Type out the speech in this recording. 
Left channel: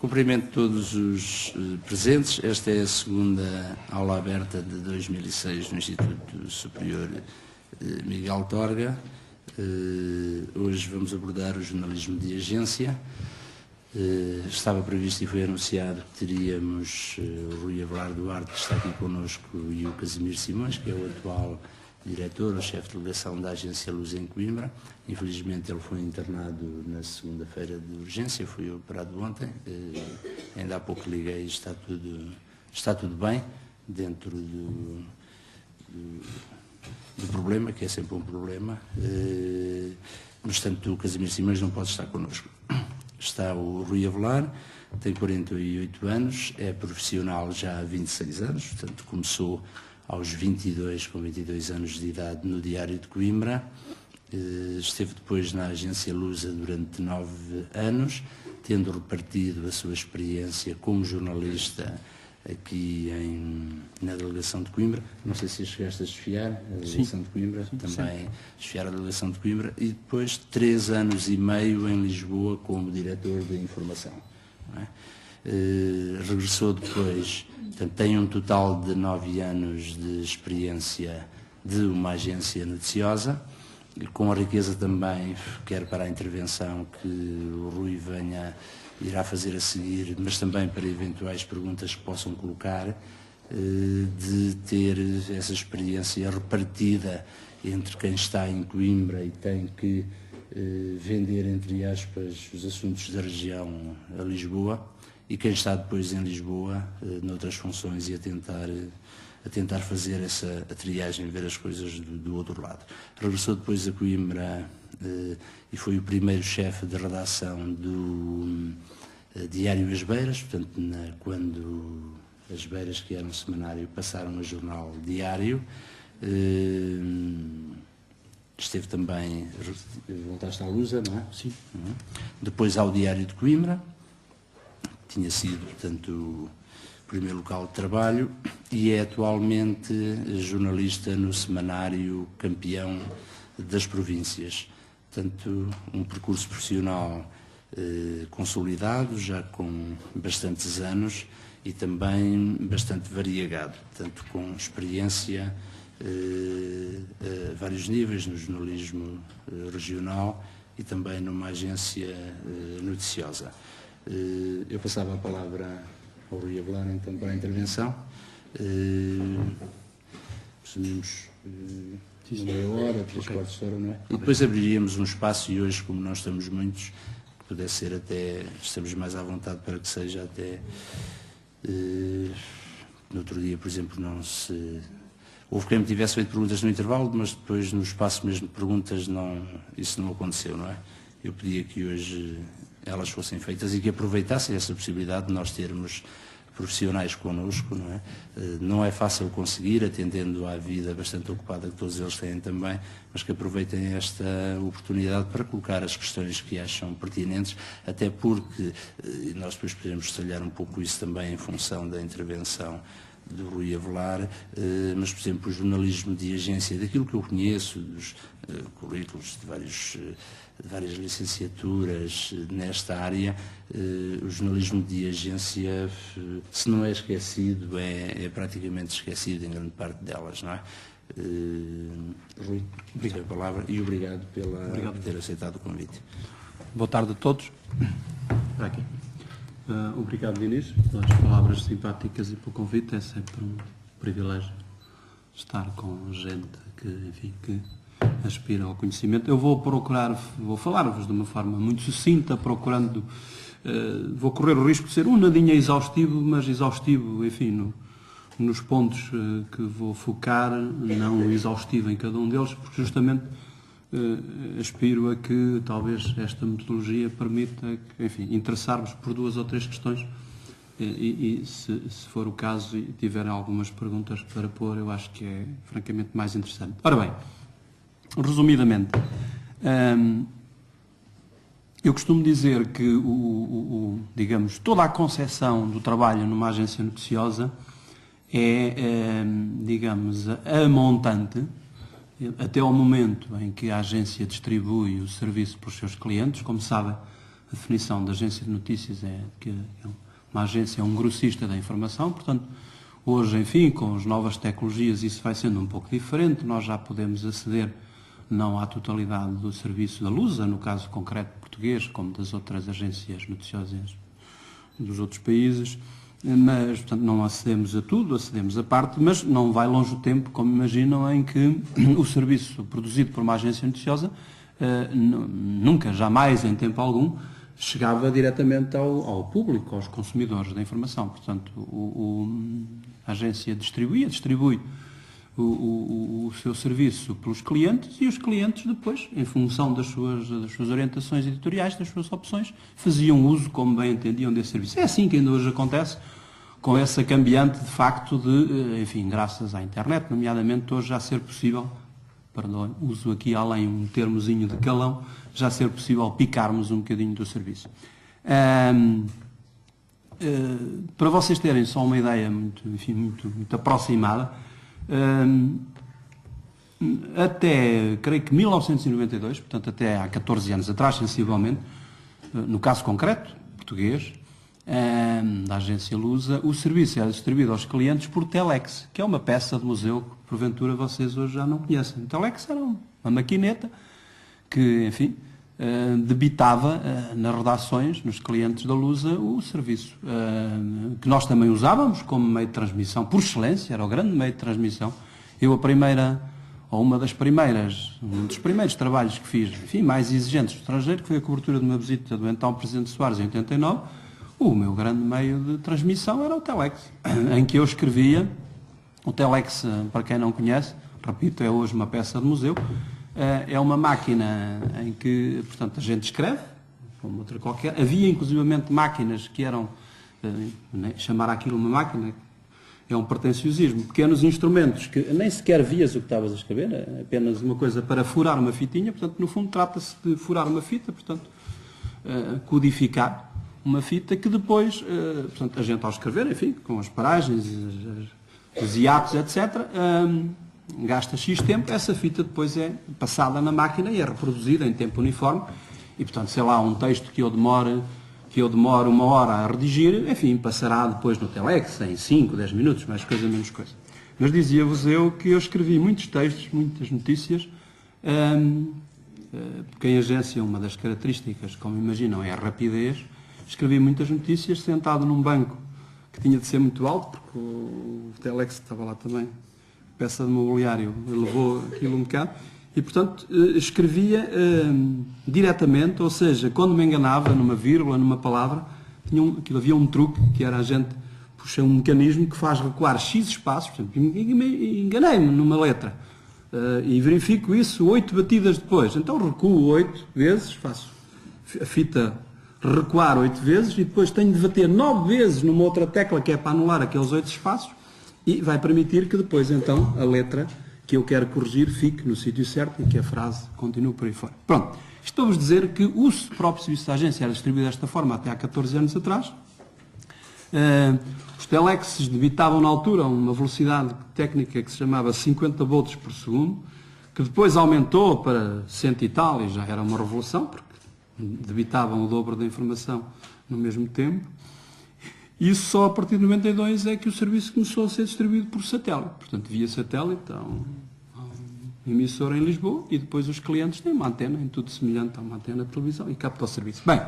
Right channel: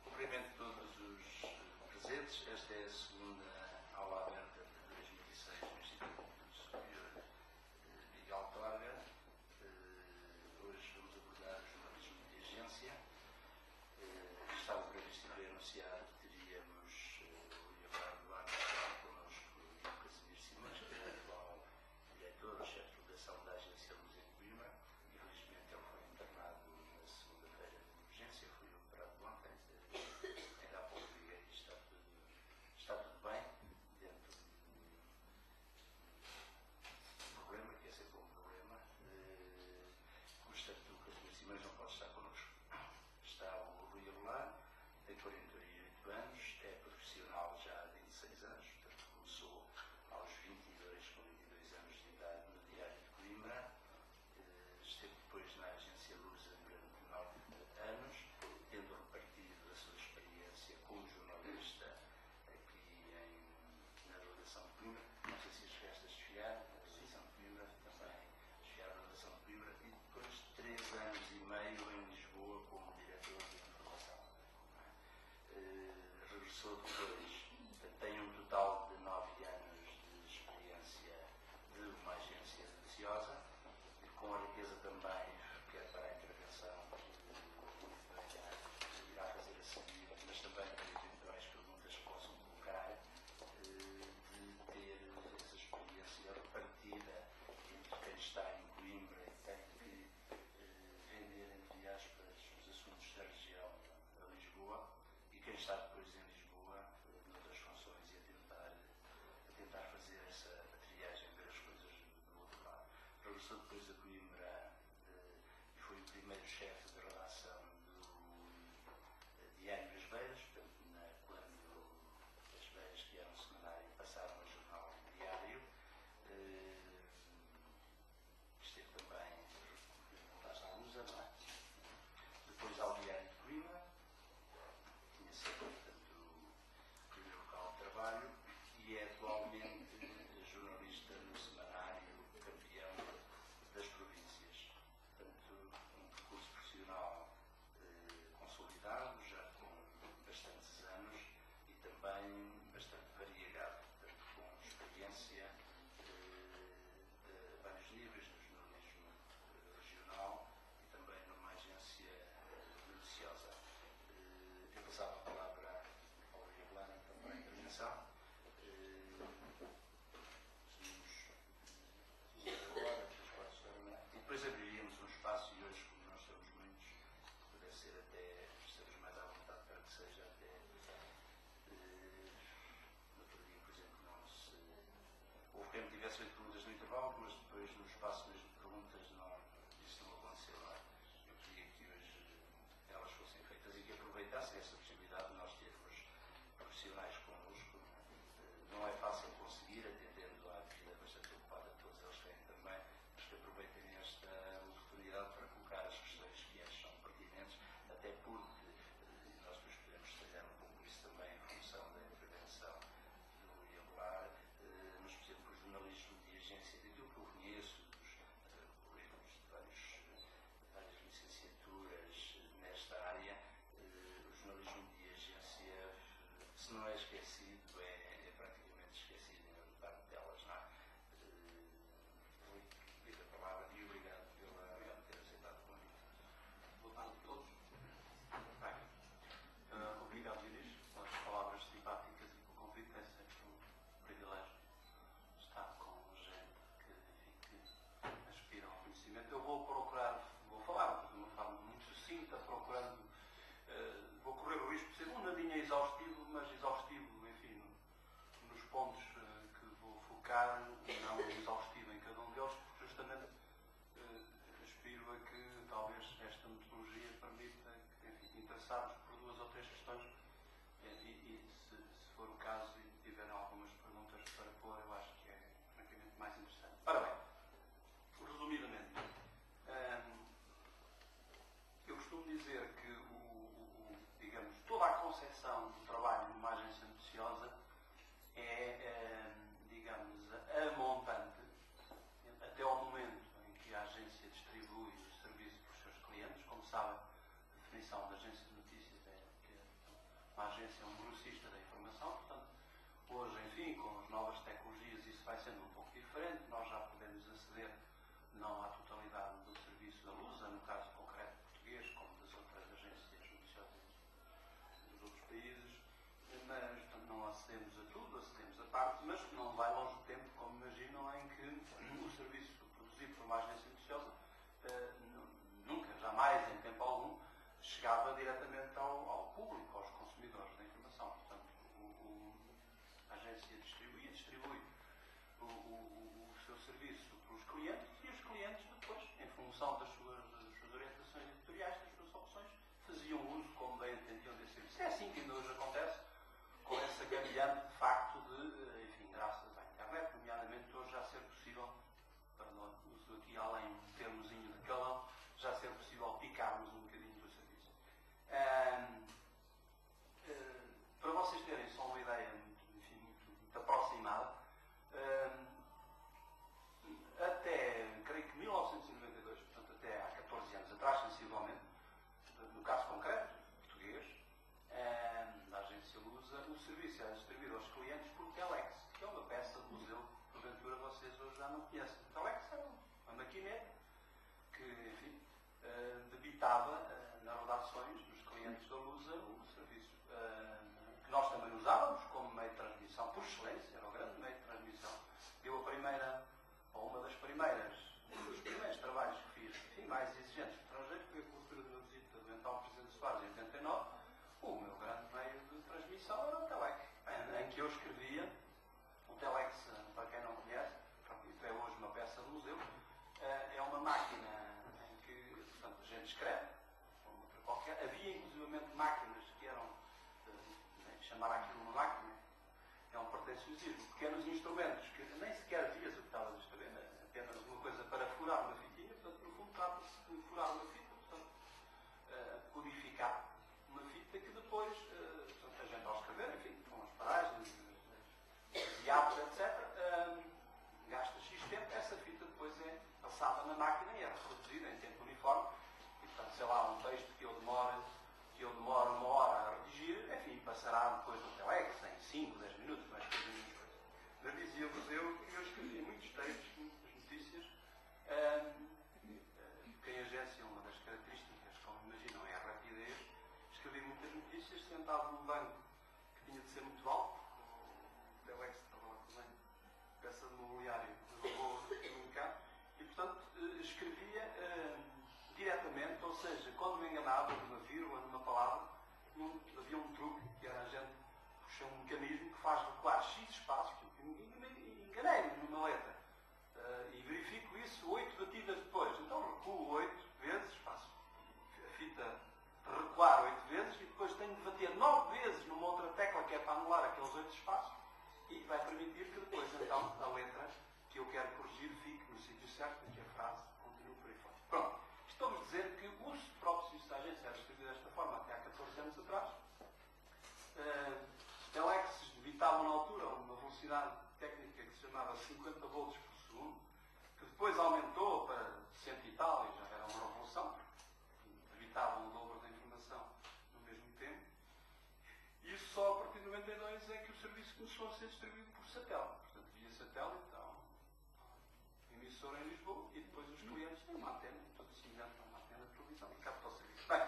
Cumprimento todos os presentes. Esta é a segunda aula aberta de 2006 no Instituto Superior Miguel Torga. Hoje vamos abordar o jornalismo de agência. Estava previsto e foi anunciado que teríamos o Rui Avelar Duarte, que está aqui connosco, e o Casimiro Simões, que é o atual diretor, o chefe de delegação da Agência Luz em Coimbra. Infelizmente ele foi internado na segunda-feira de urgência, foi operado ontem, ainda há pouco liguei e está tudo bem, dentro do problema, que é sempre um problema. No entanto, o Casimiro Simões não pode estar connosco. Está o Rui Avelar, tem 48 anos, é profissional já há 26 anos, portanto começou aos 22, com 22 anos de idade, no Diário de Coimbra. Esteve depois na Agência Lusa durante 9 anos, tendo repartido a sua experiência como jornalista aqui na Delegação de Coimbra. Não sei se chegaste a desfiar a Delegação de Coimbra, também desfiar a Delegação de Coimbra, e depois 3 anos e meio em Lisboa como diretor de informação. Não é? Regressou depois, portanto, tem um total de 9 anos de experiência de uma agência noticiosa, com a riqueza também, quer para a intervenção que o Rui irá fazer a seguir, mas também para eventuais perguntas que possam colocar, de ter essa experiência repartida entre quem está em Coimbra e tem que vender, entre aspas, os assuntos da região a Lisboa, e quem está depois em Lisboa, noutras funções, e a tentar fazer essa triagem, ver as coisas do outro lado. Regressou depois a Coimbra e foi o primeiro chefe de redação do Diário As Beiras, portanto, quando As Beiras, que era um semanário, passaram a jornal Diário. Esteve também, voltaste à Lusa, não é? Sim. Depois ao Diário de Coimbra, tinha sido, portanto, o primeiro local de trabalho, e é atualmente jornalista no semanário Campeão das Províncias. Portanto, um percurso profissional consolidado, já com bastantes anos, e também bastante variegado, portanto, com experiência a vários níveis no jornalismo regional e também numa agência noticiosa. Eu passava a palavra ao Rui Avelar, então, para a intervenção. Presumimos meia hora, 3/4 de hora, não é? E depois abriríamos um espaço, e hoje, como nós estamos muitos, que pudesse ser até, estamos mais à vontade para que seja até, no outro dia, por exemplo, houve quem me tivesse feito perguntas no intervalo, mas depois no espaço mesmo de perguntas isso não aconteceu, não é? Eu pedia que hoje elas fossem feitas e que aproveitassem essa possibilidade de nós termos profissionais connosco, não é? Não é fácil conseguir, atendendo à vida bastante ocupada que todos eles têm também, mas que aproveitem esta oportunidade para colocar as questões que acham pertinentes, até porque, e nós depois podemos detalhar um pouco isso também em função da intervenção do Rui Avelar, mas, por exemplo, o jornalismo de agência, daquilo que eu conheço, dos currículos de várias licenciaturas nesta área, o jornalismo de agência, se não é esquecido, é praticamente esquecido em grande parte delas, não é? Rui, obrigado pela palavra e obrigado por ter aceitado o convite. Boa tarde a todos. Aqui. Obrigado, Inês, pelas palavras simpáticas e pelo convite. É sempre um privilégio estar com gente que aspira ao conhecimento. Eu vou falar-vos de uma forma muito sucinta, vou correr o risco de ser um nadinha exaustivo, mas exaustivo, enfim, nos pontos que vou focar, não exaustivo em cada um deles, porque justamente aspiro a que talvez esta metodologia permita, enfim, interessar-vos por 2 ou 3 questões e se for o caso e tiverem algumas perguntas para pôr, eu acho que é francamente mais interessante. Ora bem, resumidamente, eu costumo dizer que digamos, toda a concepção do trabalho numa agência noticiosa é, digamos, a montante até ao momento em que a agência distribui o serviço para os seus clientes. Como sabem, A definição da agência de notícias é que uma agência é um grossista da informação, portanto, hoje, enfim, com as novas tecnologias isso vai sendo um pouco diferente, nós já podemos aceder não à totalidade do serviço da Lusa, no caso concreto português, como das outras agências noticiosas dos outros países, mas, portanto, não acedemos a tudo, acedemos a parte, mas não vai longe o tempo, como imaginam, em que o serviço produzido por uma agência noticiosa nunca, jamais, em tempo algum, chegava diretamente ao público, aos consumidores da informação. Portanto, a agência distribui o seu serviço pelos clientes e os clientes depois, em função das suas orientações editoriais, das suas opções, faziam uso como bem entendiam desse serviço. É assim que ainda hoje acontece, com essa cambiante de facto de, enfim, graças à internet, nomeadamente hoje já ser possível, perdão, uso aqui além um termozinho de calão, já ser possível picarmos um bocadinho do serviço. Para vocês terem só uma ideia muito aproximada, até, creio que 1992, portanto até há 14 anos atrás, sensivelmente, no caso concreto, português, da agência Lusa, o serviço era distribuído aos clientes por Telex, que é uma peça de museu que porventura vocês hoje já não conhecem. O Telex era uma maquineta que, enfim, debitava nas redações, nos clientes da Lusa, o serviço, que nós também usávamos como meio de transmissão, por excelência, era o grande meio de transmissão. Eu um dos primeiros trabalhos que fiz, enfim, mais exigentes do estrangeiro, que foi a cobertura de uma visita do então Presidente Soares em 89, o meu grande meio de transmissão era o Telex, em que eu escrevia. O Telex, para quem não conhece, repito, é hoje uma peça de museu. É uma máquina em que, portanto, a gente escreve, como outra qualquer. Havia, inclusivamente, máquinas que eram, chamar aquilo uma máquina, é um pretenciosismo, pequenos instrumentos que nem sequer vias o que estavas a escrever, é apenas uma coisa para furar uma fitinha, portanto, no fundo, trata-se de furar uma fita, portanto, codificar uma fita que depois, portanto, a gente ao escrever, enfim, com as paragens, os hiatos, etc., gasta X tempo, essa fita depois é passada na máquina e é reproduzida em tempo uniforme e, portanto, sei lá, um texto que eu demoro 1 hora a redigir, enfim, passará depois no Telex em 5, 10 minutos, mais coisa, menos coisa. Mas dizia-vos eu que eu escrevi muitos textos, muitas notícias, porque em agência uma das características, como imaginam, é a rapidez. Escrevi muitas notícias sentado num banco que tinha de ser muito alto, porque o Telex estava lá também, peça de mobiliário, levou aquilo um bocado, e portanto escrevia diretamente, ou seja, quando me enganava numa vírgula, numa palavra, havia um truque, que era a gente puxar um mecanismo que faz recuar X espaços, por exemplo, enganei-me numa letra, e verifico isso 8 batidas depois, então recuo 8 vezes, faço a fita recuar 8 vezes, e depois tenho de bater 9 vezes numa outra tecla, que é para anular aqueles 8 espaços, e vai permitir que depois, então, a letra que eu quero corrigir fique no sítio certo e que a frase continue por aí fora. Pronto. Estou-vos dizer que o próprio serviço da agência era distribuído desta forma até há 14 anos atrás. Os Telexes debitavam na altura uma velocidade técnica que se chamava 50 volts por segundo, que depois aumentou para 100 e tal, e já era uma revolução, porque debitavam o dobro da informação no mesmo tempo. Isso só a partir de 92 é que o serviço começou a ser distribuído por satélite. Portanto, via satélite, há um emissor em Lisboa e depois os clientes têm uma antena, em tudo semelhante a uma antena de televisão e capta o serviço. Bem,